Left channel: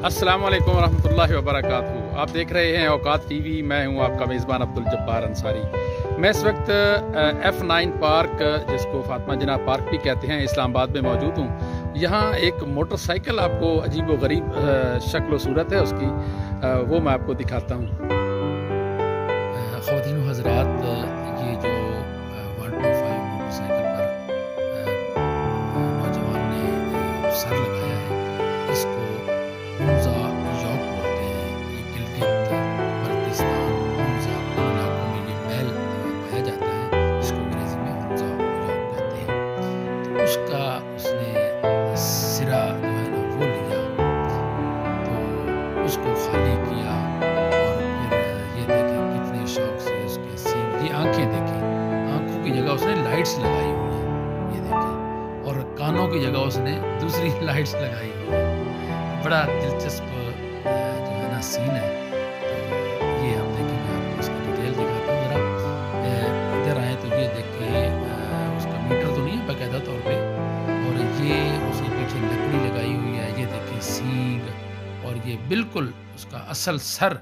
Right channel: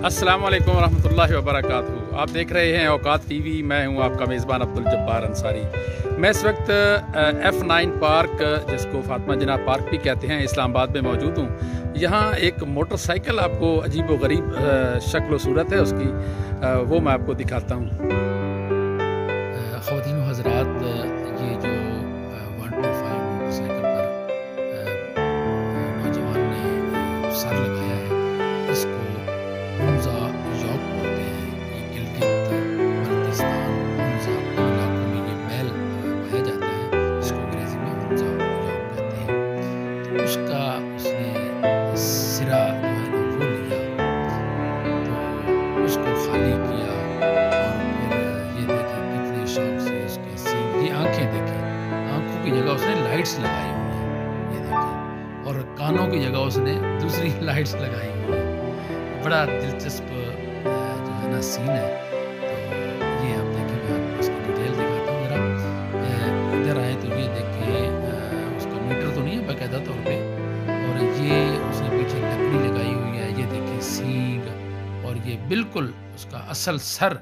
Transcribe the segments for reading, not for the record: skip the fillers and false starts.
अस्सलाम वालेकुम रहमतुल्लाहि व बरकातहू। आप देख रहे हैं औकात टीवी। मैं हूं आपका मेज़बान अब्दुल जब्बार अंसारी। मैं इस वक्त F9 पार्क, जिसको फातिमा जिन्ना पार्क भी कहते हैं, इस्लामाबाद में मौजूद हूं। यहाँ एक मोटरसाइकिल आपको अजीब व गरीब शक्ल व सूरत है उसकी, वो मैं आपको दिखाता हूँ। ख़वातीन व हज़रात, ये जो 125 मोटरसाइकिल पर नौजवान ने सर लगाया है, इसको हुंजा यॉक बोलते हैं। ये गिलगित बल्तिस्तान हुंजा इलाकों में ये बैल पाया जाता है, जिसको अंग्रेज़ी में हुंजा यॉक कहते हैं। तो उसका उसने सिरा जो है ना वो लिया, तो उसको खाली किया और फिर ये देखें कितने शौक से उसके सींग, ये आँखें देखें, आँखों की जगह उसने लाइट्स लगाई हुई हैं, ये देखें, और कानों की जगह उसने दूसरी लाइट्स लगाई हुई है। बड़ा दिलचस्प जो है ना सीन है। तो ये आप देखें, मैं आपको इसकी डिटेल दिखाता हूँ ज़रा। इधर आए तो ये देखें, उसका मीटर तो नहीं है बाकायदा तौर पे, और ये उसने पीछे लकड़ी लगाई हुई है, ये देखें सींग, और ये बिल्कुल उसका असल सर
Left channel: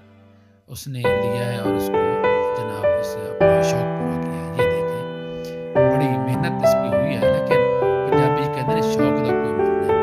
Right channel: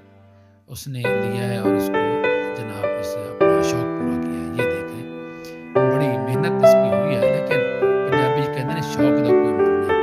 उसने लिया है और उसको जनाब इससे अपना शौक पूरा किया है। ये देखें, बड़ी मेहनत इस पर हुई है, लेकिन पंजाबी कहते हैं शौक का कोई मुल नहीं।